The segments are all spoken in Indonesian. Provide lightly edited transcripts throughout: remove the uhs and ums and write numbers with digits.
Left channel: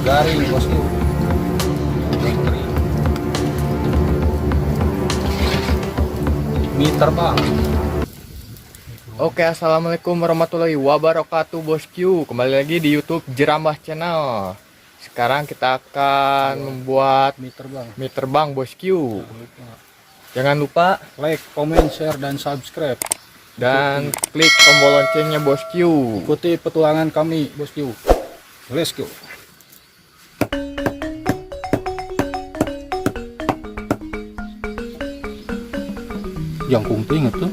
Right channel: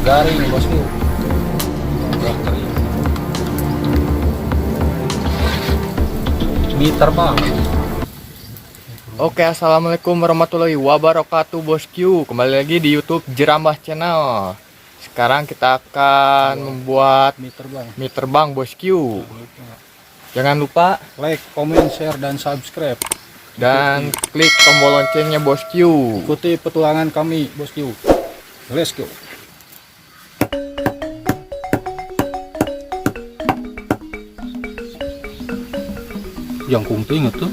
garing nih bosku. Mie terbang. Oke, assalamualaikum warahmatullahi wabarakatuh bosku. Kembali lagi di YouTube Jerambah Channel. Sekarang kita akan membuat mie terbang bosku. Jangan lupa Like, comment, share, dan subscribe. dan klik tombol loncengnya bosku. Ikuti petualangan kami bosku. Let's go. Jangkung tuh inget tuh.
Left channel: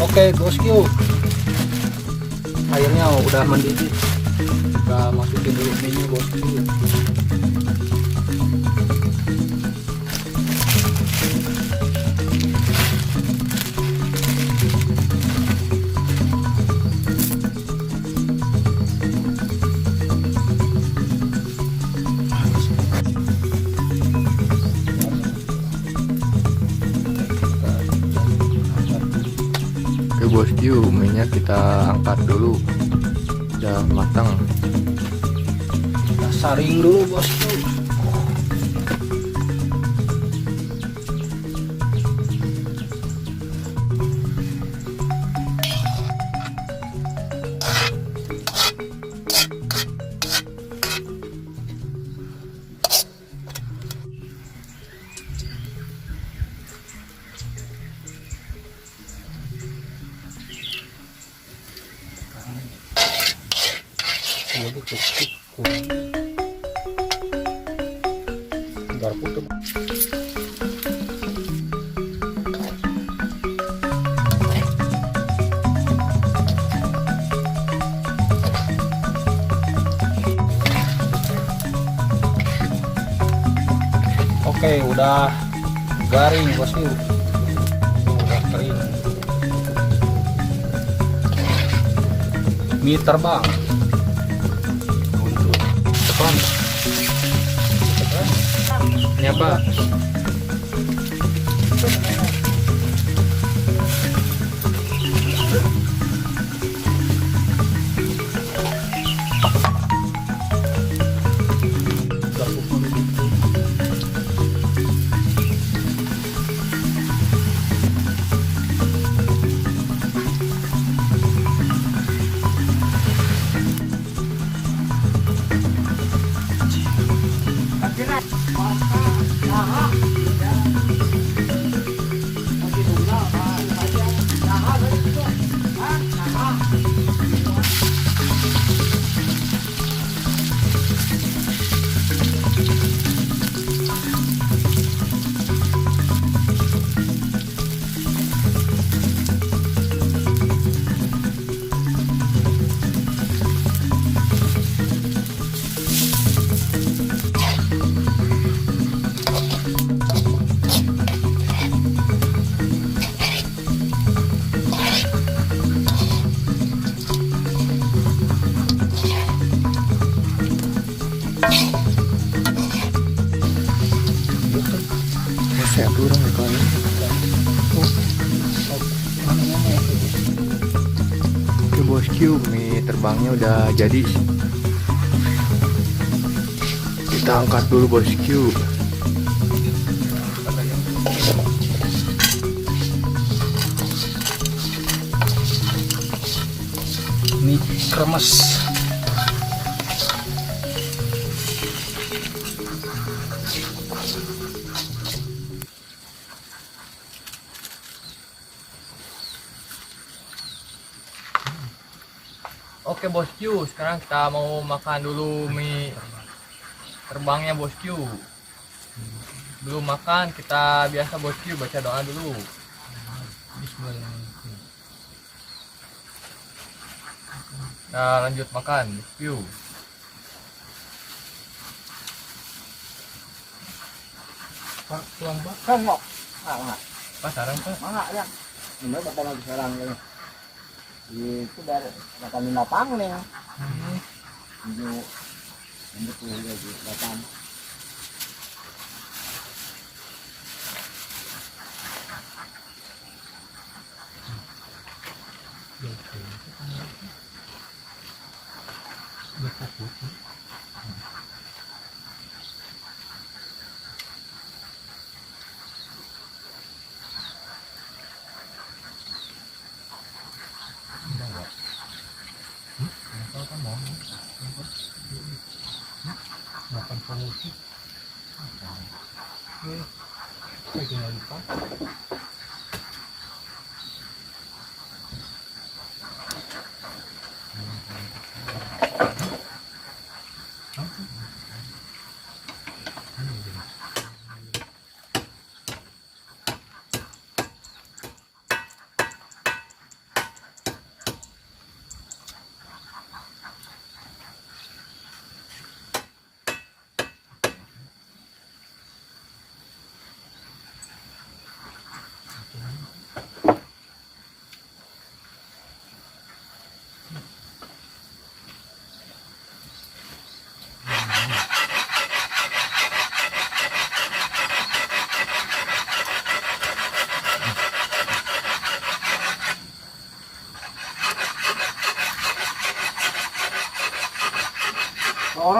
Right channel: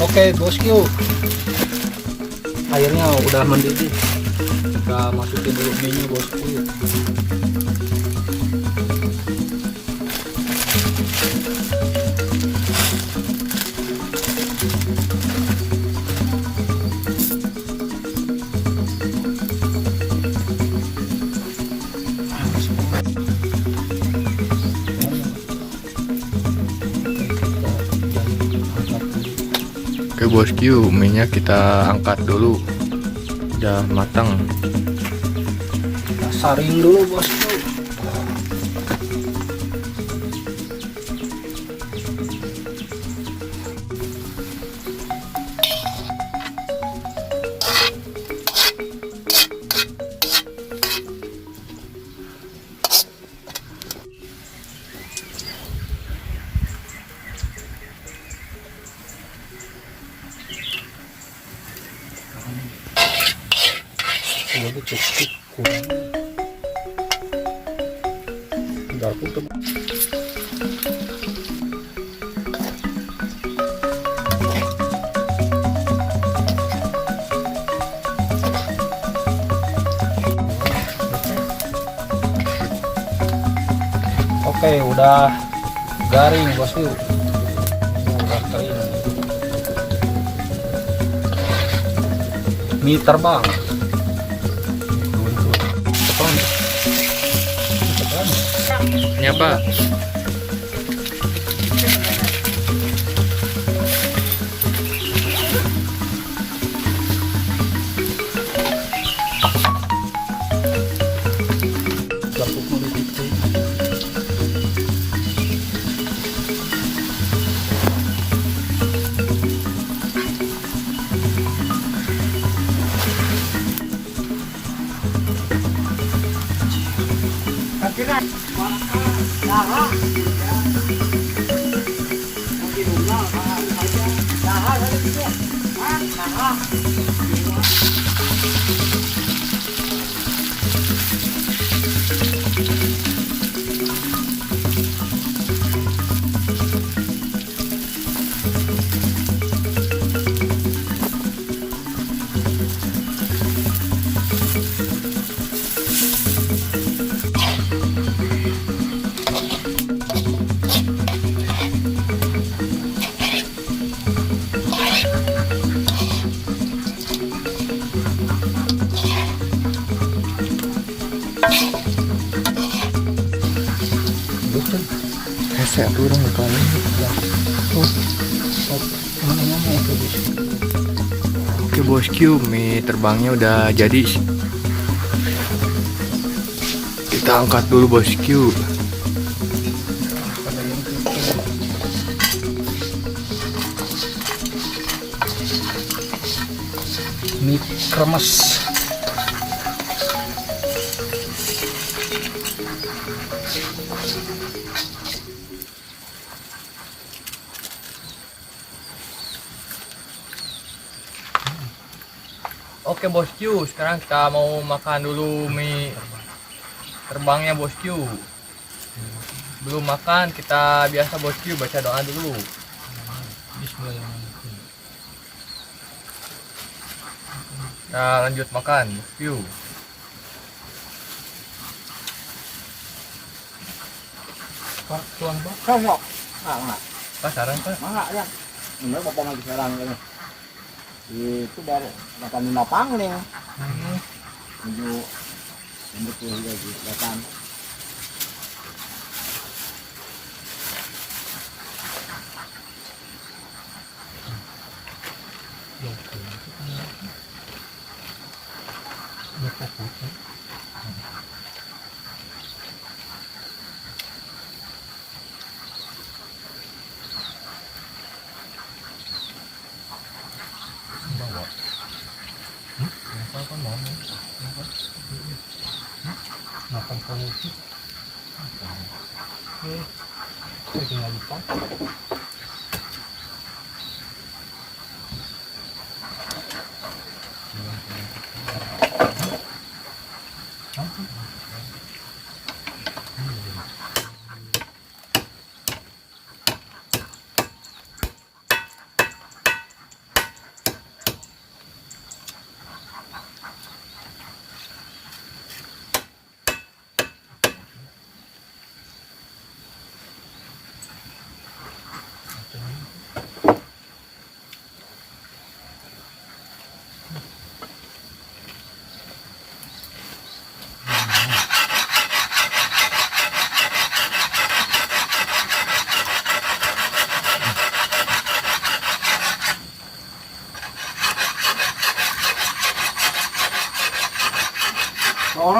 Oke bosku, airnya udah mendidih. Kita masukin dulu minyak bosku. Oke bosku, minyak kita angkat dulu. Udah matang. Kita saring dulu bosku. Garpu tuh. Oke, udah garing bosku. Udah kering. Mie terbang. Tepan. Ini apa? Hese turun kali. Oke Oke bosku, mie terbangnya udah jadi. Kita angkat dulu bosku. Mie kremes. Oke bosku, sekarang kita mau makan dulu mie terbangnya bosku. Belum makan, kita biasa bosku baca doa dulu. Bismillahirrahmanirrahim. Kita lanjut makan bosku. Pak, tuang Pak. Không ngọc. Enggak. Pak saran pak. Enggak ya. Ini bapak lagi sekarang ini. Itu dari 85 nih. Menuju betul lagi datang. Makan kamu sih. Saya tinggal lupa.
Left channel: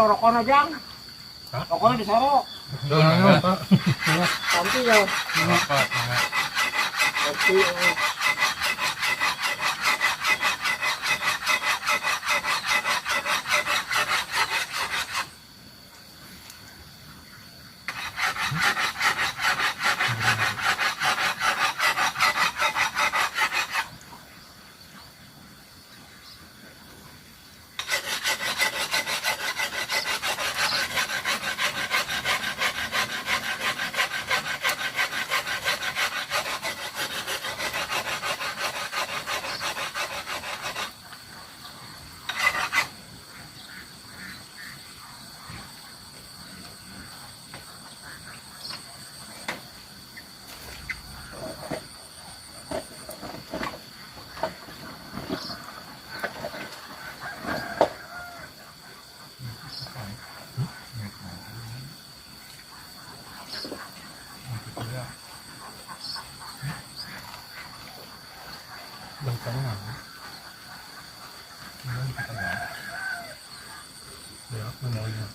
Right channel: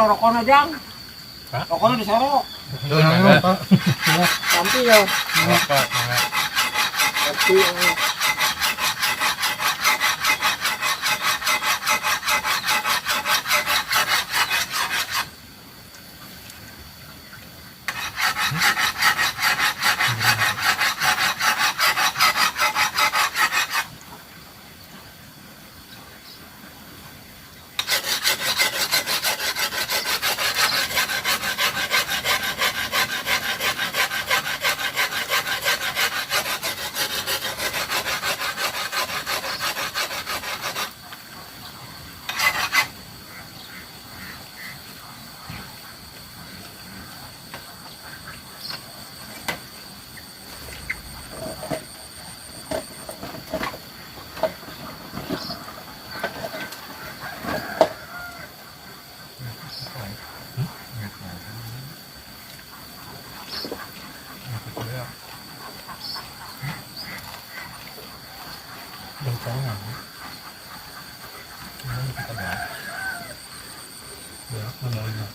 Rokoknya Jang. Rokoknya di Soro. Pak. Nanti ya. Pak, Nanti. Yang saya ini kita bahas. Berak memorinya.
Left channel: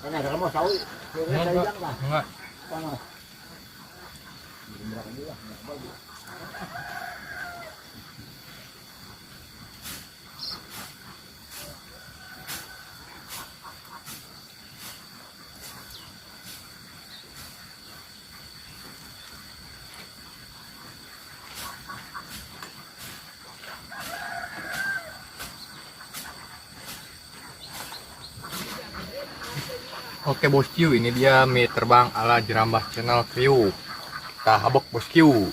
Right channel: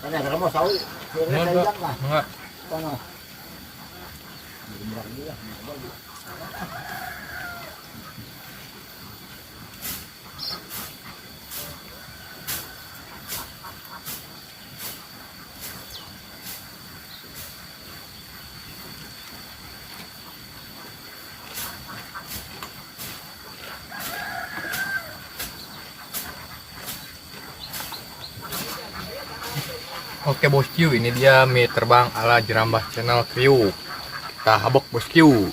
Ini ada mau sawi. Enggak. Sana. Oke bosku, ini dia mie terbang ala Jerambah Channel Kriuk. Kita habok bosku.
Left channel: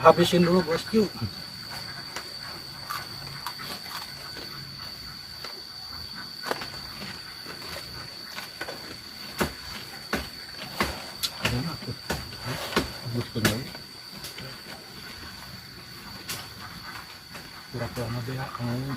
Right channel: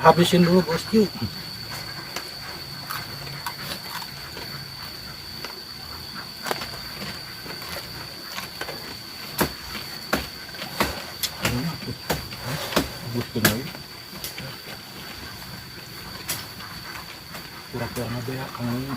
Habisin dulu bosku. Pura-pura nabea kamu.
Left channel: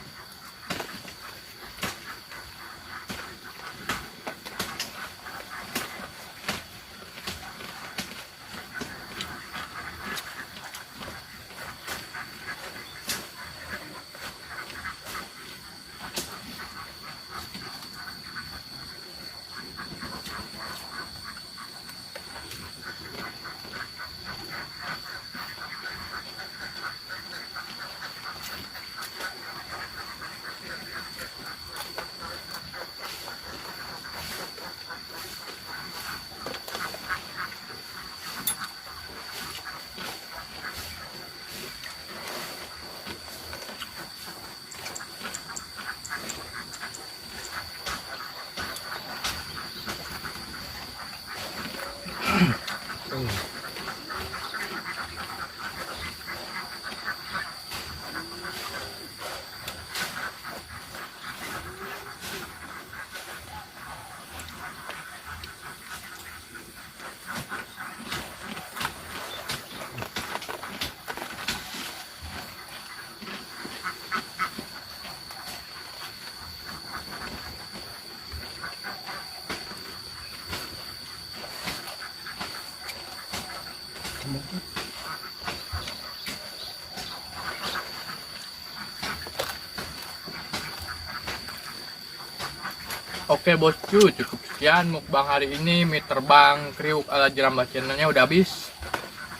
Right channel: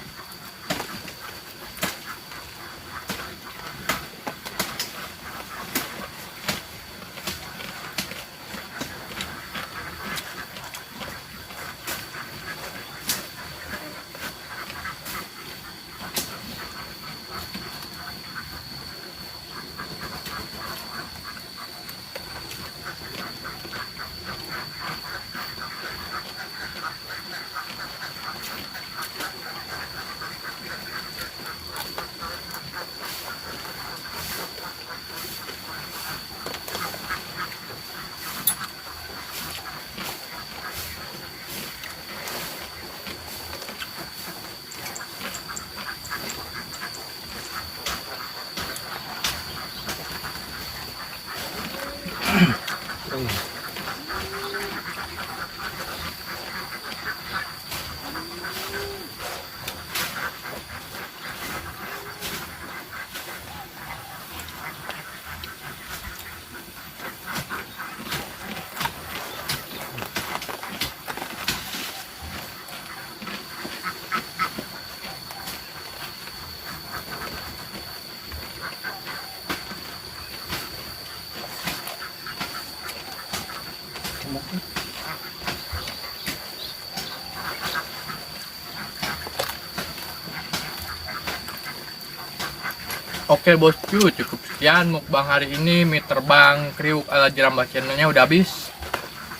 Oke bosku, cukup sekian mukbang hari ini mie terbang Kriuk ala Jerambah Channelnya udah habis.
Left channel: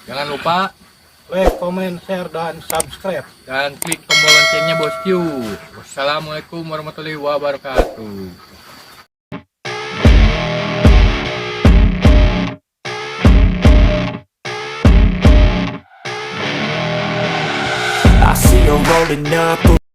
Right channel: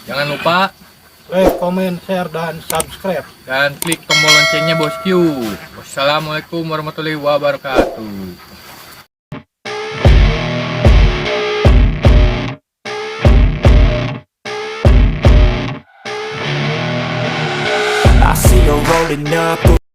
Jangan lupa Like, comment, share, dan subscribe. dan klik tombol loncengnya bosku. Wassalamualaikum warahmatullahi wabarakatuh. I see her rolling up.